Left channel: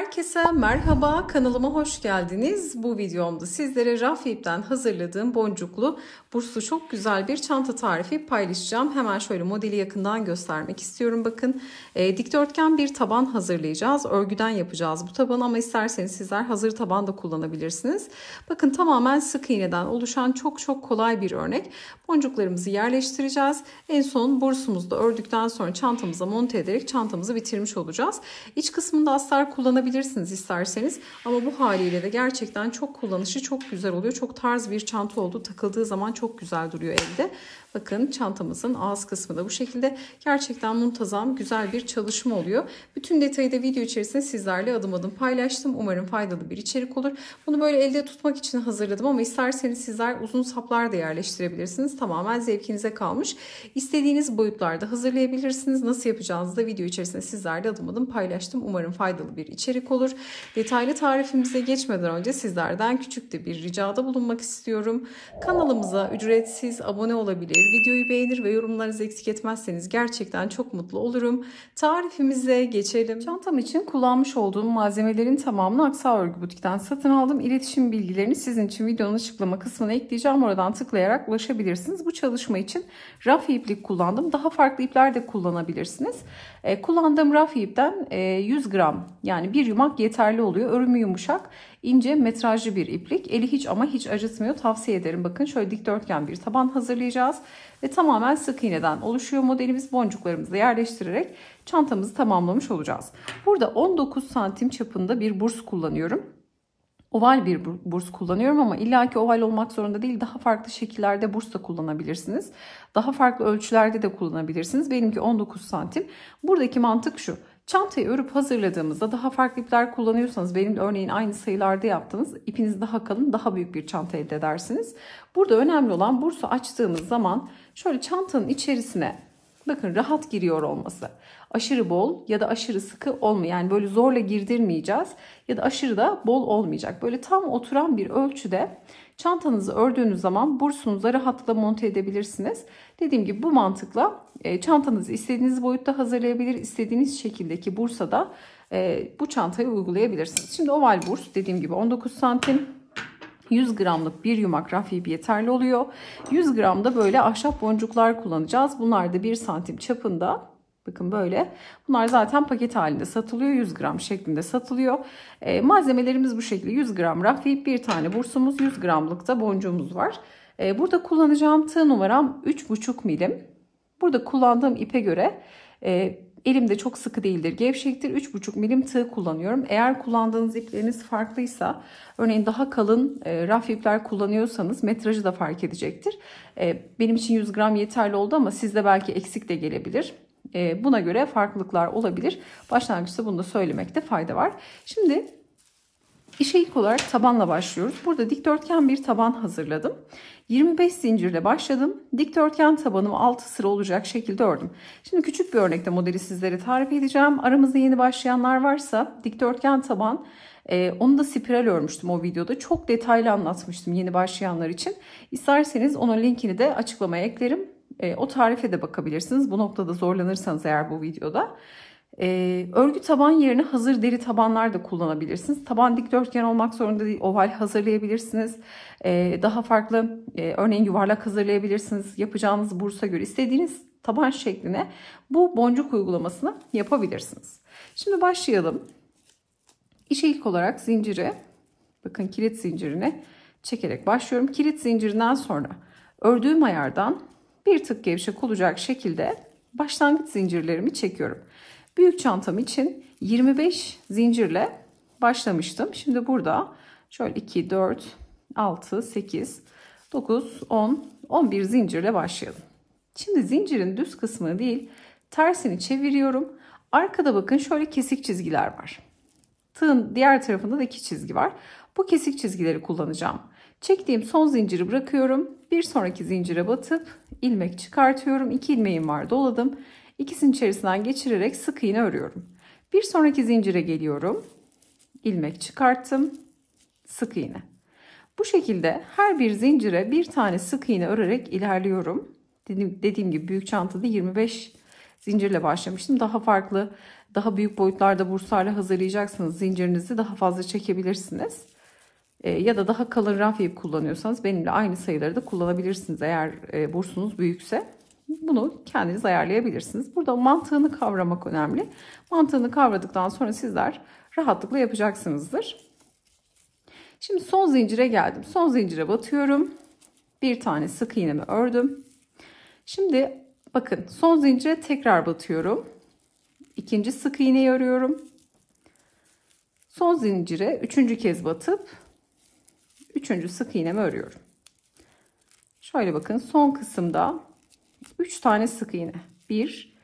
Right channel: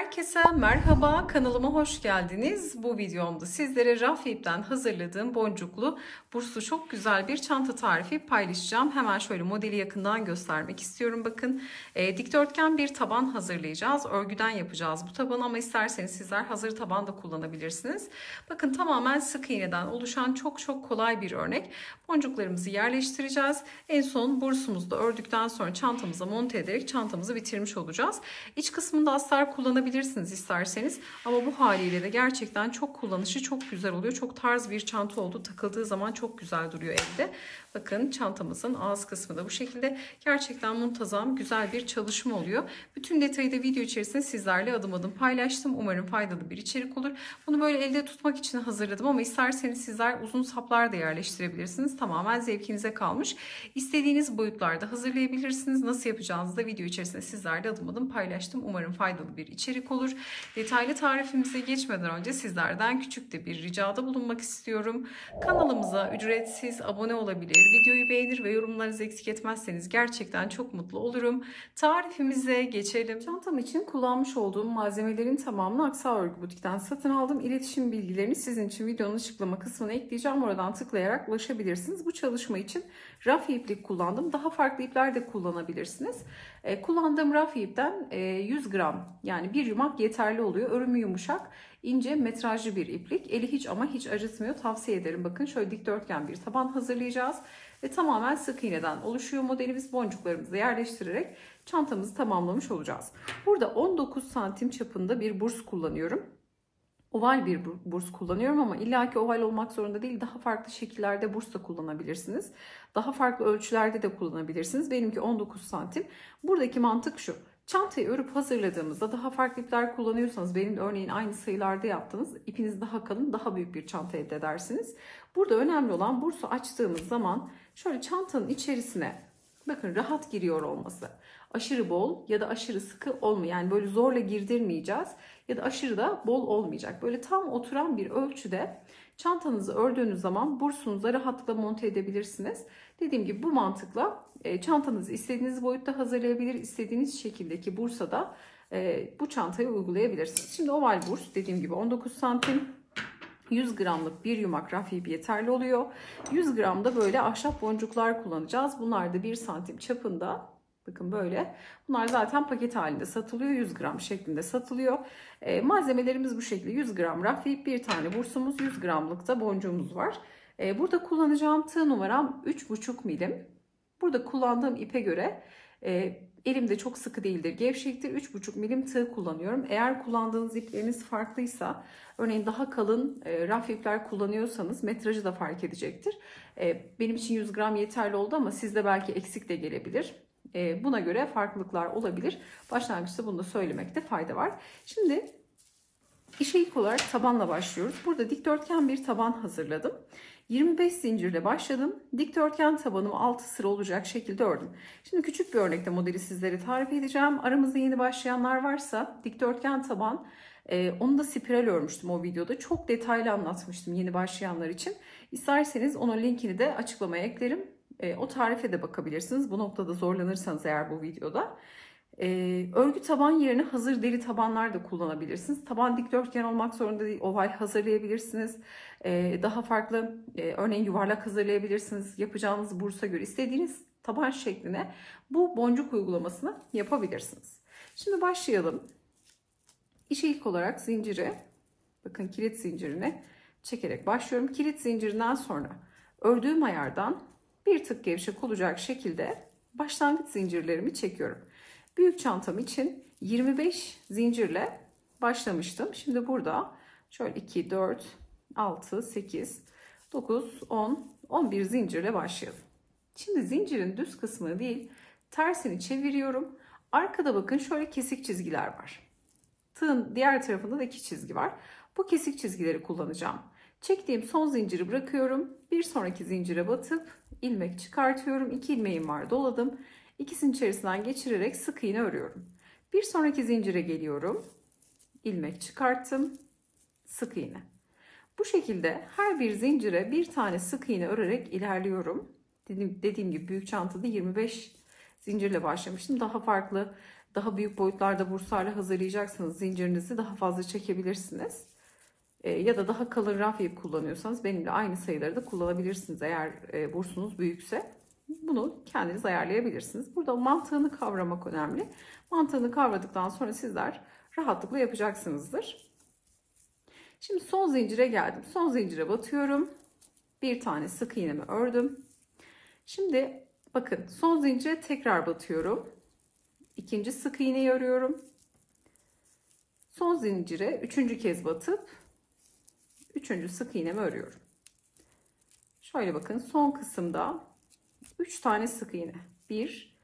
Herkese merhaba, kanalıma hoş geldiniz. Bu videomda sizlere raf ipten hazırladığım boncuklu burslu çok güzel bir çanta tarifi paylaşacağım. Hemen şöyle modeli yakından göstermek istiyorum. Bakın dikdörtgen bir taban hazırlayacağız. Örgüden yapacağız bu tabanı ama isterseniz sizler hazır taban da kullanabilirsiniz. Bakın tamamen sık iğneden oluşan çok kolay bir örnek. Boncuklarımızı yerleştireceğiz. En son bursumuzu da ördükten sonra çantamıza monte ederek çantamızı bitirmiş olacağız. İç kısmında astar kullanabilirsiniz isterseniz ama bu haliyle de gerçekten çok kullanışı çok güzel oluyor. Çok tarz bir çanta oldu. Takıldığı zaman çok güzel duruyor elde. Bakın çantamızın ağız kısmı da bu şekilde. Gerçekten muntazam güzel bir çalışma oluyor. Bütün detayı da video içerisinde sizlerle adım adım paylaştım. Umarım faydalı bir içerik olur. Bunu böyle elde tutmak için hazırladım ama isterseniz sizler uzun saplar da yerleştirebilirsiniz. Tamamen zevkinize kalmış. İstediğiniz boyutlarda hazırlayabilirsiniz. Nasıl yapacağınızı da video içerisinde sizlerle adım adım paylaştım. Umarım faydalı bir içerik olur. Detaylı tarifimize geçmeden önce sizlerden küçük de bir ricada bulunmak istiyorum. Kanalımıza ücretsiz abone olabilir. Videoyu beğenir ve yorumlarınızı eksik etmezseniz gerçekten çok mutlu olurum. Tarifimize geçelim. Çantam için kullanmış olduğum malzemelerin tamamını Aksa Örgü Butik'ten satın aldım. İletişim bilgilerini sizin için videonun açıklama kısmına ekleyeceğim. Oradan tıklayarak ulaşabilirsiniz. Bu çalışma için raf iplik kullandım. Daha farklı ipler de kullanabilirsiniz. Kullandığım raf ipten 100 gram yani bir yumak yeterli oluyor. Örümü yumuşak, ince metrajlı bir iplik. Eli hiç acıtmıyor. Tavsiye ederim. Bakın şöyle dikdörtgen bir taban hazırlayacağız. Ve tamamen sık iğneden oluşuyor modelimiz. Boncuklarımızı da yerleştirerek çantamızı tamamlamış olacağız. Burada 19 santim çapında bir burs kullanıyorum. Oval bir burs kullanıyorum ama illaki oval olmak zorunda değil. Daha farklı şekillerde burs da kullanabilirsiniz. Daha farklı ölçülerde de kullanabilirsiniz. Benimki 19 santim. Buradaki mantık şu. Çantayı örüp hazırladığımızda daha farklı ipler kullanıyorsanız, benim örneğin aynı sayılarda yaptığınız ipiniz daha kalın, daha büyük bir çanta elde edersiniz. Burada önemli olan bursu açtığımız zaman şöyle çantanın içerisine bakın rahat giriyor olması. Aşırı bol ya da aşırı sıkı olmuyor. Yani böyle zorla girdirmeyeceğiz ya da aşırı da bol olmayacak. Böyle tam oturan bir ölçüde çantanızı ördüğünüz zaman bursunuza rahatlıkla monte edebilirsiniz. Dediğim gibi bu mantıkla çantanızı istediğiniz boyutta hazırlayabilir, istediğiniz şekildeki bursa da bu çantayı uygulayabilirsiniz. Şimdi oval burs dediğim gibi 19 santim. 100 gramlık bir yumak raf ipi yeterli oluyor. 100 gram da böyle ahşap boncuklar kullanacağız. Bunlar da 1 santim çapında. Bakın böyle. Bunlar zaten paket halinde satılıyor. 100 gram şeklinde satılıyor. Malzemelerimiz bu şekilde. 100 gram raf ip, bir tane bursumuz, 100 gramlık da boncuğumuz var. Burada kullanacağım tığ numaram 3,5 milim. Burada kullandığım ipe göre elimde çok sıkı değildir, gevşektir. 3,5 milim tığ kullanıyorum. Eğer kullandığınız ipleriniz farklıysa, örneğin daha kalın raf ipler kullanıyorsanız metrajı da fark edecektir. Benim için 100 gram yeterli oldu ama sizde belki eksik de gelebilir. Buna göre farklılıklar olabilir. Başlangıçta bunu da söylemekte fayda var. Şimdi işe ilk olarak tabanla başlıyoruz. Burada dikdörtgen bir taban hazırladım. 25 zincirle başladım. Dikdörtgen tabanımı 6 sıra olacak şekilde ördüm. Şimdi küçük bir örnekte modeli sizlere tarif edeceğim. Aramızda yeni başlayanlar varsa dikdörtgen taban, onu da spiral örmüştüm o videoda. Çok detaylı anlatmıştım yeni başlayanlar için. İsterseniz onun linkini de açıklamaya eklerim. O tarife de bakabilirsiniz. Bu noktada zorlanırsanız eğer bu videoda. Örgü taban yerine hazır deri tabanlar da kullanabilirsiniz. Taban dikdörtgen olmak zorunda değil. Oval hazırlayabilirsiniz. Daha farklı örneğin yuvarlak hazırlayabilirsiniz. Yapacağınız bursa göre istediğiniz taban şekline bu boncuk uygulamasını yapabilirsiniz. Şimdi başlayalım. İşe ilk olarak zinciri, bakın kilit zincirine çekerek başlıyorum. Kilit zincirinden sonra ördüğüm ayardan bir tık gevşek olacak şekilde başlangıç zincirlerimi çekiyorum. Büyük çantam için 25 zincirle başlamıştım. Şimdi burada şöyle 2, 4, 6, 8, 9, 10, 11 zincirle başlayalım. Şimdi zincirin düz kısmını değil tersini çeviriyorum. Arkada bakın şöyle kesik çizgiler var. Tığın diğer tarafında da 2 çizgi var. Bu kesik çizgileri kullanacağım. Çektiğim son zinciri bırakıyorum. Bir sonraki zincire batıp ilmek çıkartıyorum. 2 ilmeğim var, doladım. İkisinin içerisinden geçirerek sık iğne örüyorum. Bir sonraki zincire geliyorum. İlmek çıkarttım. Sık iğne. Bu şekilde her bir zincire bir tane sık iğne örerek ilerliyorum. Dediğim gibi büyük çantada 25 zincirle başlamıştım. Daha farklı Daha büyük boyutlarda burslarla hazırlayacaksanız zincirinizi daha fazla çekebilirsiniz. Ya da daha kalın raf ip kullanıyorsanız benimle aynı sayıları da kullanabilirsiniz eğer bursunuz büyükse. Bunu kendiniz ayarlayabilirsiniz. Burada mantığını kavramak önemli. Mantığını kavradıktan sonra sizler rahatlıkla yapacaksınızdır. Şimdi son zincire geldim. Son zincire batıyorum. Bir tane sık iğnemi ördüm. Şimdi bakın son zincire tekrar batıyorum. İkinci sık iğneyi örüyorum. Son zincire üçüncü kez batıp üçüncü sık iğnemi örüyorum. Şöyle bakın son kısımda 3 tane sık iğne. 1,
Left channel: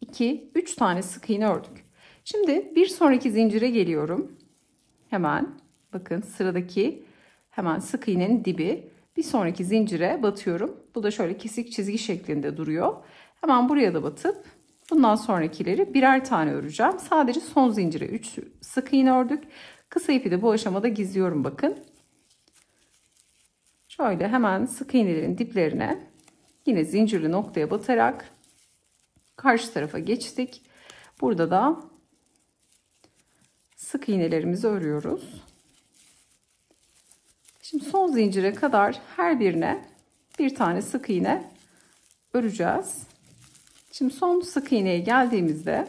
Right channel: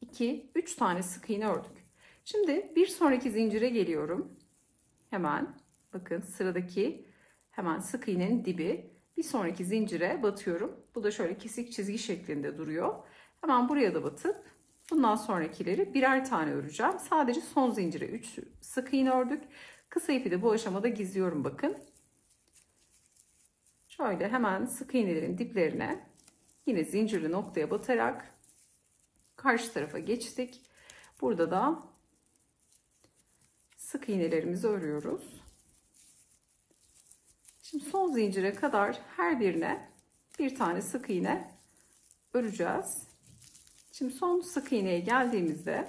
2, 3 tane sık iğne ördük. Şimdi bir sonraki zincire geliyorum. Hemen bakın sıradaki hemen sık iğnenin dibi. Bir sonraki zincire batıyorum. Bu da şöyle kesik çizgi şeklinde duruyor. Hemen buraya da batıp bundan sonrakileri birer tane öreceğim. Sadece son zincire 3 sık iğne ördük. Kısa ipi de bu aşamada gizliyorum bakın. Şöyle hemen sık iğnelerin diplerine yine zincirli noktaya batarak karşı tarafa geçtik. Burada da sık iğnelerimizi örüyoruz. Şimdi son zincire kadar her birine bir tane sık iğne öreceğiz. Şimdi son sık iğneye geldiğimizde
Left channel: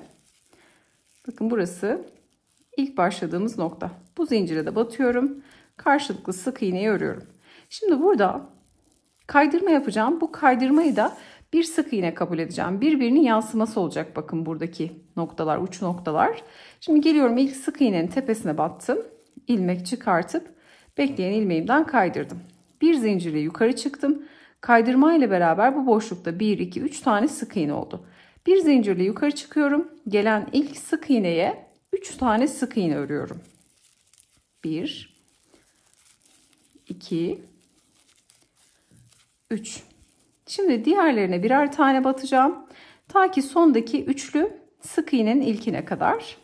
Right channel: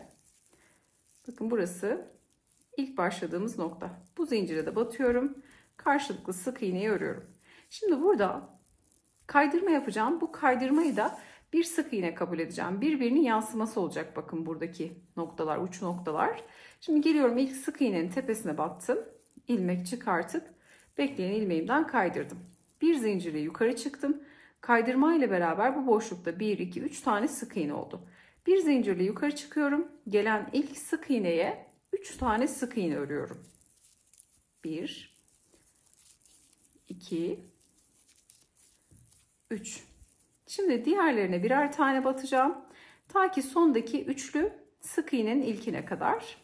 bakın burası ilk başladığımız nokta. Bu zincire de batıyorum. Karşılıklı sık iğneyi örüyorum. Şimdi burada kaydırma yapacağım. Bu kaydırmayı da bir sık iğne kabul edeceğim. Birbirinin yansıması olacak bakın buradaki noktalar, uç noktalar. Şimdi geliyorum ilk sık iğnenin tepesine battım. İlmek çıkartıp bekleyen ilmeğimden kaydırdım. Bir zincirle yukarı çıktım. Kaydırma ile beraber bu boşlukta 1, 2, 3 tane sık iğne oldu. Bir zincirle yukarı çıkıyorum. Gelen ilk sık iğneye 3 tane sık iğne örüyorum. 1, 2, 3. Şimdi diğerlerine birer tane batacağım. Ta ki sondaki üçlü sık iğnenin ilkine kadar.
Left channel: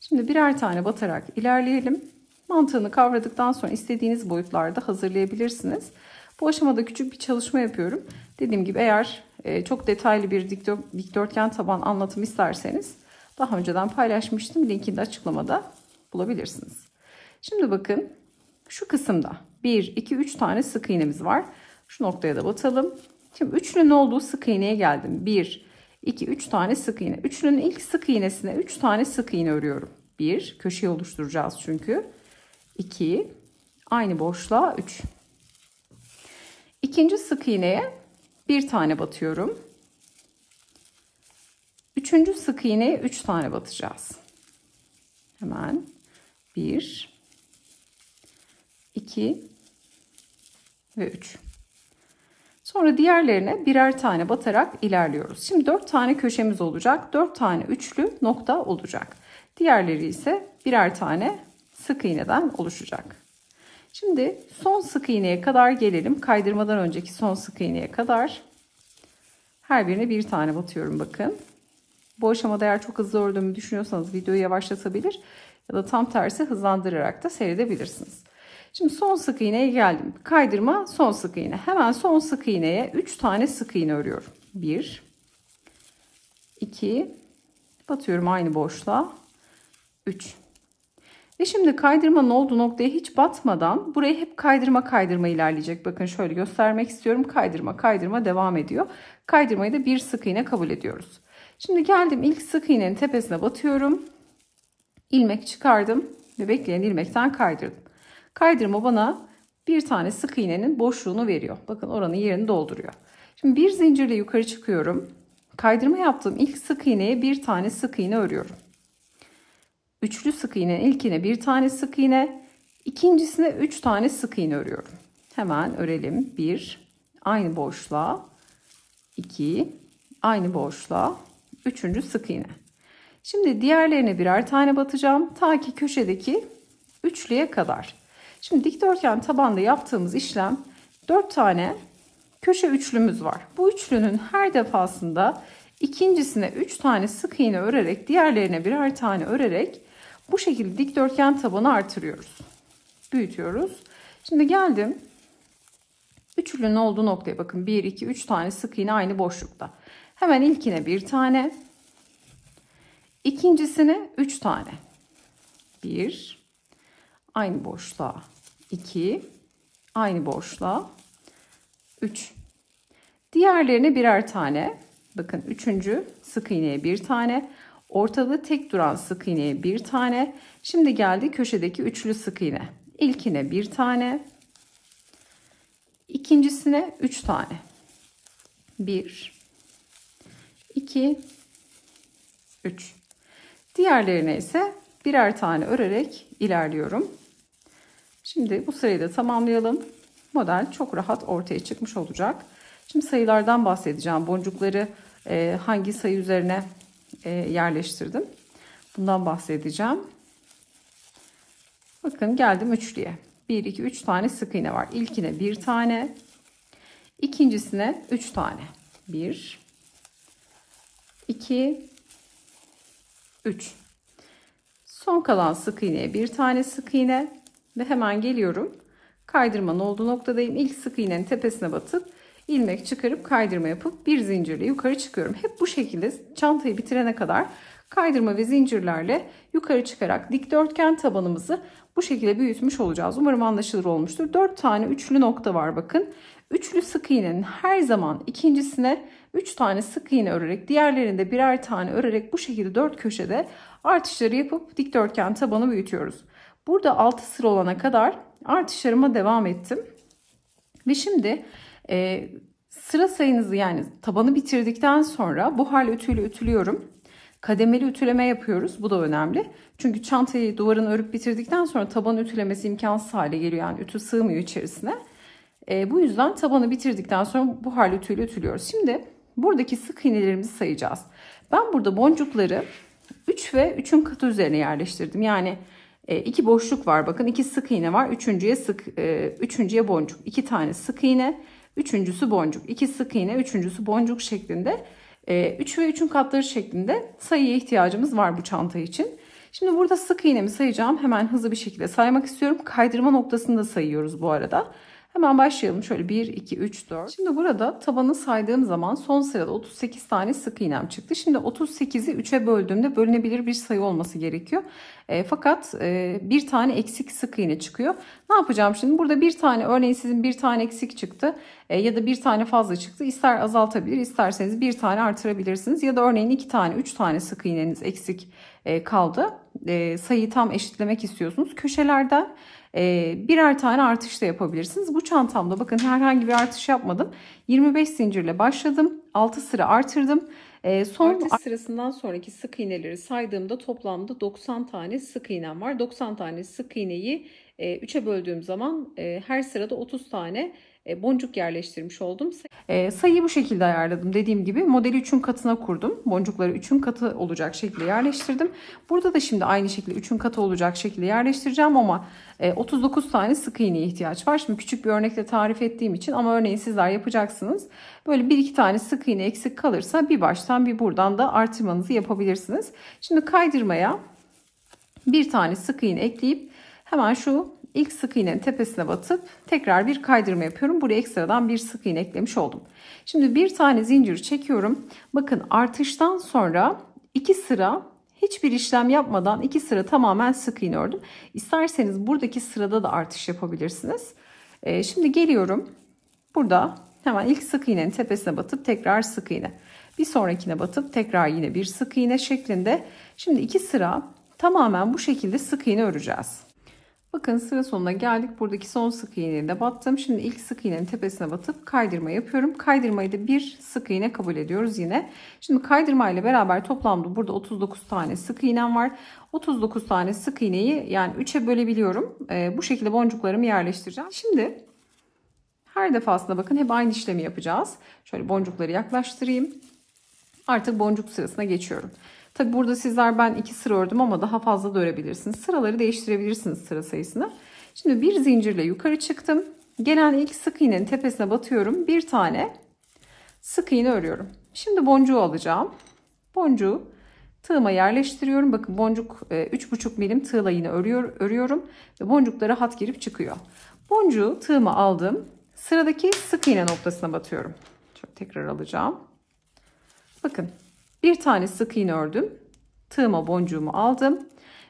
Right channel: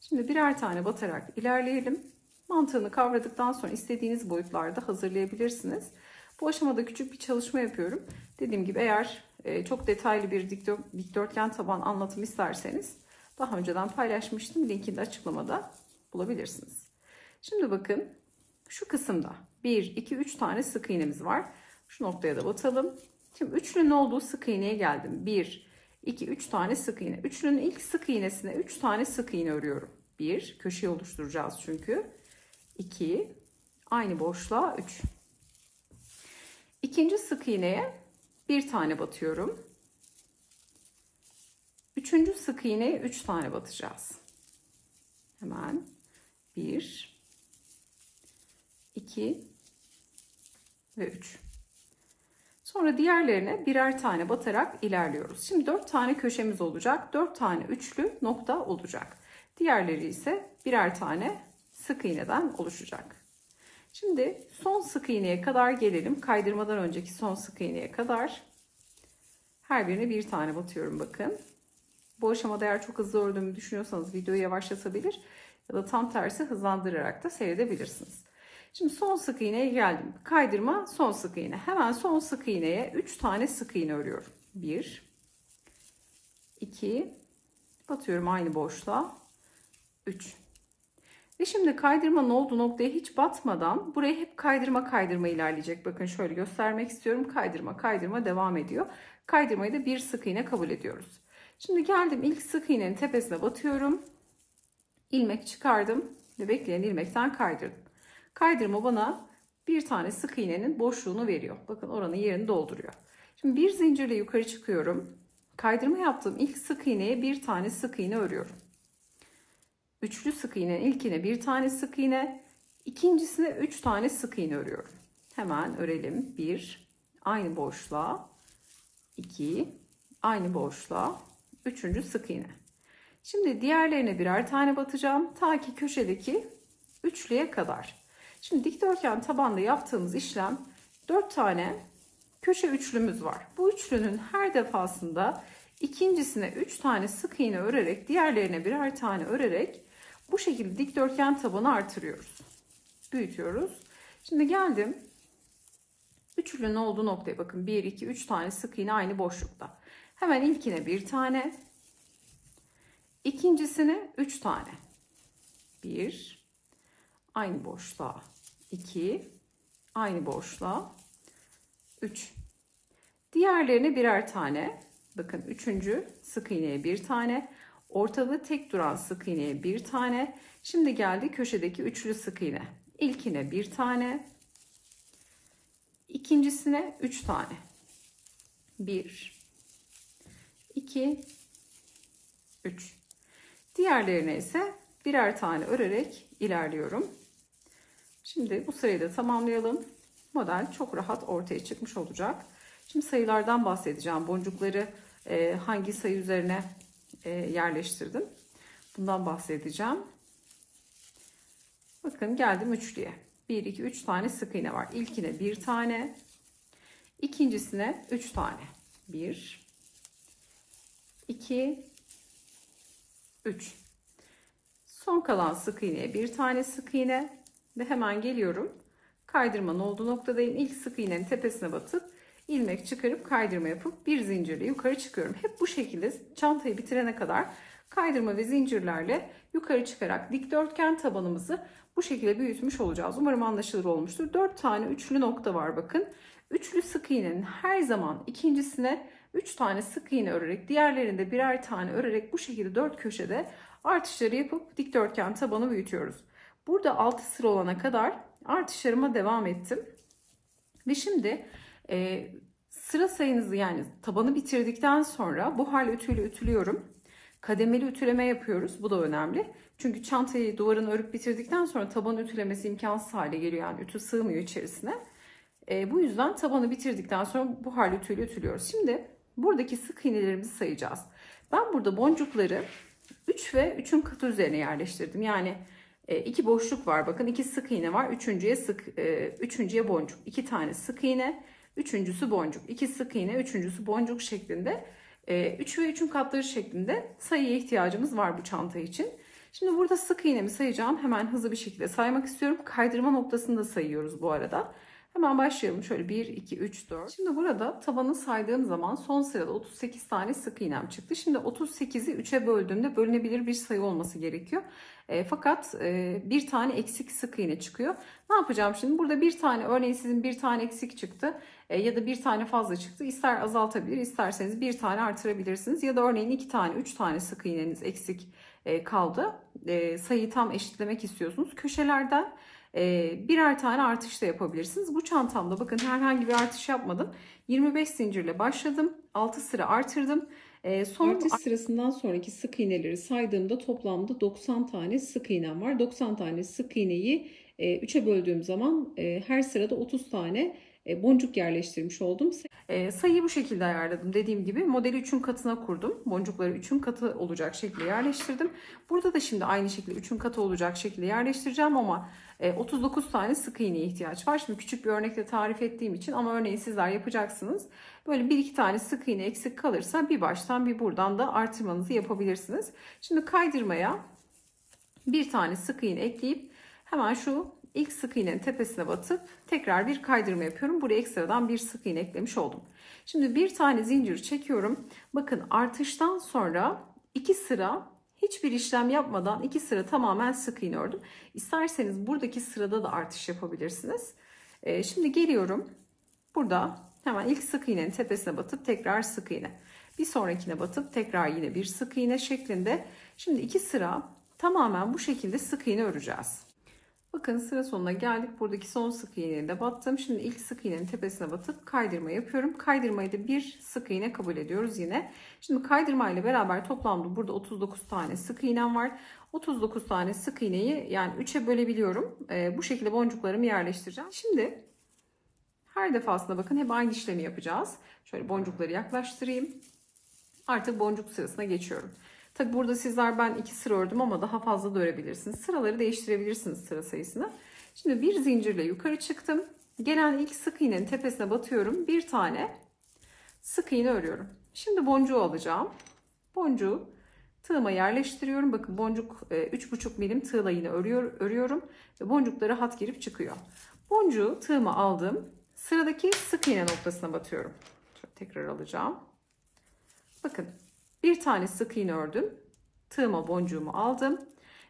Şimdi birer tane batarak ilerleyelim. Mantığını kavradıktan sonra istediğiniz boyutlarda hazırlayabilirsiniz. Bu aşamada küçük bir çalışma yapıyorum. Dediğim gibi eğer çok detaylı bir dikdörtgen taban anlatım isterseniz daha önceden paylaşmıştım. Linkini de açıklamada bulabilirsiniz. Şimdi bakın şu kısımda 1, 2, 3 tane sık iğnemiz var. Şu noktaya da batalım. Şimdi üçlünün olduğu sık iğneye geldim. 1, 2, 3 tane sık iğne. Üçlünün ilk sık iğnesine 3 tane sık iğne örüyorum. 1, köşeyi oluşturacağız çünkü. 2, aynı boşluğa 3. İkinci sık iğneye bir tane batıyorum. Üçüncü sık iğneye 3 tane batacağız. Hemen 1, 2 ve 3. Sonra diğerlerine birer tane batarak ilerliyoruz. Şimdi 4 tane köşemiz olacak. 4 tane üçlü nokta olacak. Diğerleri ise birer tane sık iğneden oluşacak. Şimdi son sık iğneye kadar gelelim. Kaydırmadan önceki son sık iğneye kadar. Her birine bir tane batıyorum bakın. Bu aşamada eğer çok hızlı ördüğümü düşünüyorsanız videoyu yavaşlatabilir ya da tam tersi hızlandırarak da seyredebilirsiniz. Şimdi son sık iğneye geldim. Kaydırma son sık iğne. Hemen son sık iğneye 3 tane sık iğne örüyorum. 1, 2, batıyorum aynı boşluğa. 3. Ve şimdi kaydırmanın olduğu noktaya hiç batmadan buraya hep kaydırma ilerleyecek. Bakın şöyle göstermek istiyorum. Kaydırma devam ediyor. Kaydırmayı da bir sık iğne kabul ediyoruz. Şimdi geldim ilk sık iğnenin tepesine batıyorum. İlmek çıkardım ve bekleyen ilmekten kaydırdım. Kaydırma bana bir tane sık iğnenin boşluğunu veriyor. Bakın oranın yerini dolduruyor. Şimdi bir zincirle yukarı çıkıyorum. Kaydırma yaptığım ilk sık iğneye bir tane sık iğne örüyorum. Üçlü sık iğnenin ilkine bir tane sık iğne, ikincisine 3 tane sık iğne örüyorum. Hemen örelim. 1, aynı boşluğa, 2, aynı boşluğa, 3. sık iğne. Şimdi diğerlerine birer tane batacağım. Ta ki köşedeki üçlüye kadar. Şimdi dikdörtgen tabanda yaptığımız işlem 4 tane köşe üçlümüz var. Bu üçlünün her defasında ikincisine 3 tane sık iğne örerek diğerlerine birer tane örerek bu şekilde dikdörtgen tabanı artırıyoruz. Büyütüyoruz. Şimdi geldim. Üçlünün olduğu noktaya bakın. 1, 2, 3 tane sık iğne aynı boşlukta. Hemen ilkine bir tane. İkincisine 3 tane. 1, aynı boşluğa 2, aynı boşluğa 3. Diğerlerine birer tane. Bakın üçüncü sık iğneye bir tane. Ortada tek duran sık iğneye bir tane. Şimdi geldi köşedeki üçlü sık iğne. İlkine bir tane. İkincisine 3 tane. 1, 2, 3. Diğerlerine ise birer tane örerek ilerliyorum. Şimdi bu sırayı da tamamlayalım. Model çok rahat ortaya çıkmış olacak. Şimdi sayılardan bahsedeceğim. Boncukları hangi sayı üzerine yerleştirdim. Bundan bahsedeceğim. Bakın geldim üçlüye. 1, 2, 3 tane sık iğne var. İlkine bir tane. İkincisine 3 tane. 1, 2, 3. Son kalan sık iğneye bir tane sık iğne. Ve hemen geliyorum. Kaydırmanın olduğu noktadayım. İlk sık iğnenin tepesine batıp ilmek çıkarıp kaydırma yapıp bir zincirle yukarı çıkıyorum. Hep bu şekilde çantayı bitirene kadar kaydırma ve zincirlerle yukarı çıkarak dikdörtgen tabanımızı bu şekilde büyütmüş olacağız. Umarım anlaşılır olmuştur. 4 tane üçlü nokta var bakın. Üçlü sık iğnenin her zaman ikincisine 3 tane sık iğne örerek, diğerlerinde birer tane örerek bu şekilde 4 köşede artışları yapıp dikdörtgen tabanı büyütüyoruz. Burada 6 sıra olana kadar artışlarıma devam ettim. Ve şimdi sıra sayınızı, yani tabanı bitirdikten sonra buharlı ütüyle ütülüyorum. Kademeli ütüleme yapıyoruz. Bu da önemli. Çünkü çantayı duvarını örüp bitirdikten sonra tabanı ütülemesi imkansız hale geliyor. Yani ütü sığmıyor içerisine. Bu yüzden tabanı bitirdikten sonra buharlı ütüyle ütülüyoruz. Şimdi buradaki sık iğnelerimizi sayacağız. Ben burada boncukları 3 ve 3'ün katı üzerine yerleştirdim. Yani 2 boşluk var. Bakın 2 sık iğne var. Üçüncüye boncuk. 2 tane sık iğne. Üçüncüsü boncuk. 2 sık iğne. Üçüncüsü boncuk şeklinde. 3 ve 3'ün katları şeklinde sayıya ihtiyacımız var bu çanta için. Şimdi burada sık iğnemi sayacağım. Hemen hızlı bir şekilde saymak istiyorum. Kaydırma noktasını da sayıyoruz bu arada. Hemen başlayalım. Şöyle 1, 2, 3, 4. Şimdi burada tabanı saydığım zaman son sırada 38 tane sık iğnem çıktı. Şimdi 38'i 3'e böldüğümde bölünebilir bir sayı olması gerekiyor. Fakat bir tane eksik sık iğne çıkıyor. Ne yapacağım şimdi? Burada bir tane, örneğin sizin bir tane eksik çıktı ya da bir tane fazla çıktı. İster azaltabilir, isterseniz bir tane artırabilirsiniz. Ya da örneğin 2 tane, 3 tane sık iğneniz eksik kaldı. Sayıyı tam eşitlemek istiyorsunuz. Köşelerden birer tane artış da yapabilirsiniz. Bu çantamda bakın herhangi bir artış yapmadım. 25 zincirle başladım. 6 sıra artırdım. Son artış sırasından sonraki sık iğneleri saydığımda toplamda 90 tane sık iğnem var. 90 tane sık iğneyi 3'e böldüğüm zaman her sırada 30 tane boncuk yerleştirmiş oldum. Sayıyı bu şekilde ayarladım. Dediğim gibi modeli 3'ün katına kurdum. Boncukları 3'ün katı olacak şekilde yerleştirdim. Burada da şimdi aynı şekilde 3'ün katı olacak şekilde yerleştireceğim ama 39 tane sık iğneye ihtiyaç var. Şimdi küçük bir örnekle tarif ettiğim için, ama örneğin sizler yapacaksınız. Böyle 1-2 tane sık iğne eksik kalırsa bir baştan bir buradan da artırmanızı yapabilirsiniz. Şimdi kaydırmaya bir tane sık iğne ekleyip hemen şu İlk sık iğnenin tepesine batıp tekrar bir kaydırma yapıyorum. Buraya ekstradan bir sık iğne eklemiş oldum. Şimdi bir tane zincir çekiyorum. Bakın artıştan sonra 2 sıra hiçbir işlem yapmadan 2 sıra tamamen sık iğne ördüm. İsterseniz buradaki sırada da artış yapabilirsiniz. Şimdi geliyorum. Burada hemen ilk sık iğnenin tepesine batıp tekrar sık iğne. Bir sonrakine batıp tekrar yine bir sık iğne şeklinde. Şimdi 2 sıra tamamen bu şekilde sık iğne öreceğiz. Bakın sıra sonuna geldik. Buradaki son sık iğneyi de battım. Şimdi ilk sık iğnenin tepesine batıp kaydırma yapıyorum. Kaydırmayı da bir sık iğne kabul ediyoruz yine. Şimdi kaydırma ile beraber toplamda burada 39 tane sık iğnem var. 39 tane sık iğneyi yani 3'e bölebiliyorum. Bu şekilde boncuklarımı yerleştireceğim. Şimdi her defasında bakın hep aynı işlemi yapacağız. Şöyle boncukları yaklaştırayım. Artık boncuk sırasına geçiyorum. Tabi burada sizler ben 2 sıra ördüm ama daha fazla da örebilirsiniz. Sıraları değiştirebilirsiniz, sıra sayısını. Şimdi bir zincirle yukarı çıktım. Gelen ilk sık iğnenin tepesine batıyorum. Bir tane sık iğne örüyorum. Şimdi boncuğu alacağım. Boncuğu tığıma yerleştiriyorum. Bakın boncuk 3,5 milim tığla yine örüyorum. Ve boncuklara hat girip çıkıyor. Boncuğu tığıma aldım. Sıradaki sık iğne noktasına batıyorum. Şöyle tekrar alacağım. Bakın. Bir tane sık iğne ördüm. tığıma boncuğumu aldım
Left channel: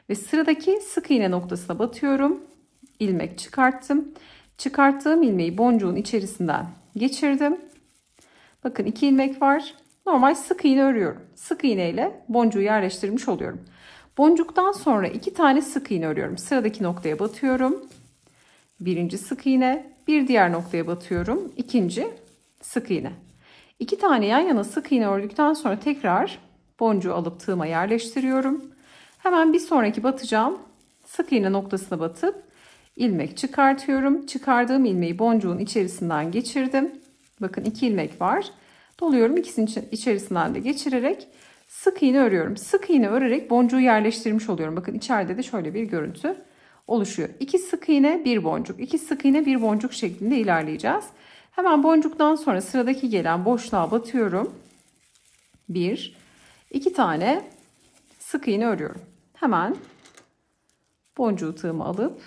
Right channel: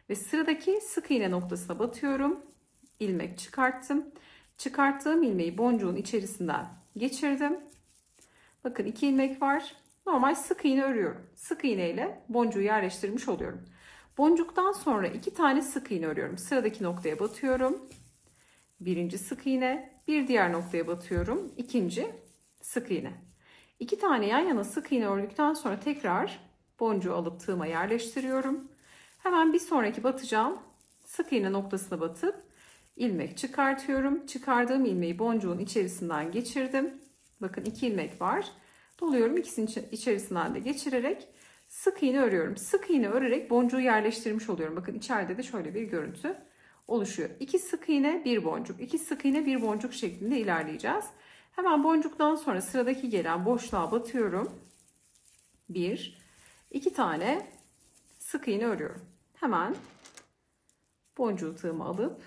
ve sıradaki sık iğne noktasına batıyorum. İlmek çıkarttım. Çıkarttığım ilmeği boncuğun içerisinden geçirdim. Bakın 2 ilmek var. Normal sık iğne örüyorum. Sık iğne ile boncuğu yerleştirmiş oluyorum. Boncuktan sonra 2 tane sık iğne örüyorum. Sıradaki noktaya batıyorum. Birinci sık iğne, bir diğer noktaya batıyorum. İkinci sık iğne. 2 tane yan yana sık iğne ördükten sonra tekrar boncuğu alıp tığıma yerleştiriyorum. Hemen bir sonraki batacağım sık iğne noktasına batıp ilmek çıkartıyorum. Çıkardığım ilmeği boncuğun içerisinden geçirdim. Bakın 2 ilmek var. Doluyorum, ikisinin içerisinden de geçirerek sık iğne örüyorum. Sık iğne örerek boncuğu yerleştirmiş oluyorum. Bakın içeride de şöyle bir görüntü oluşuyor. 2 sık iğne, 1 boncuk, 2 sık iğne, 1 boncuk şeklinde ilerleyeceğiz. Hemen boncuktan sonra sıradaki gelen boşluğa batıyorum. 1, 2 tane sık iğne örüyorum. Hemen boncuğu tığıma alıp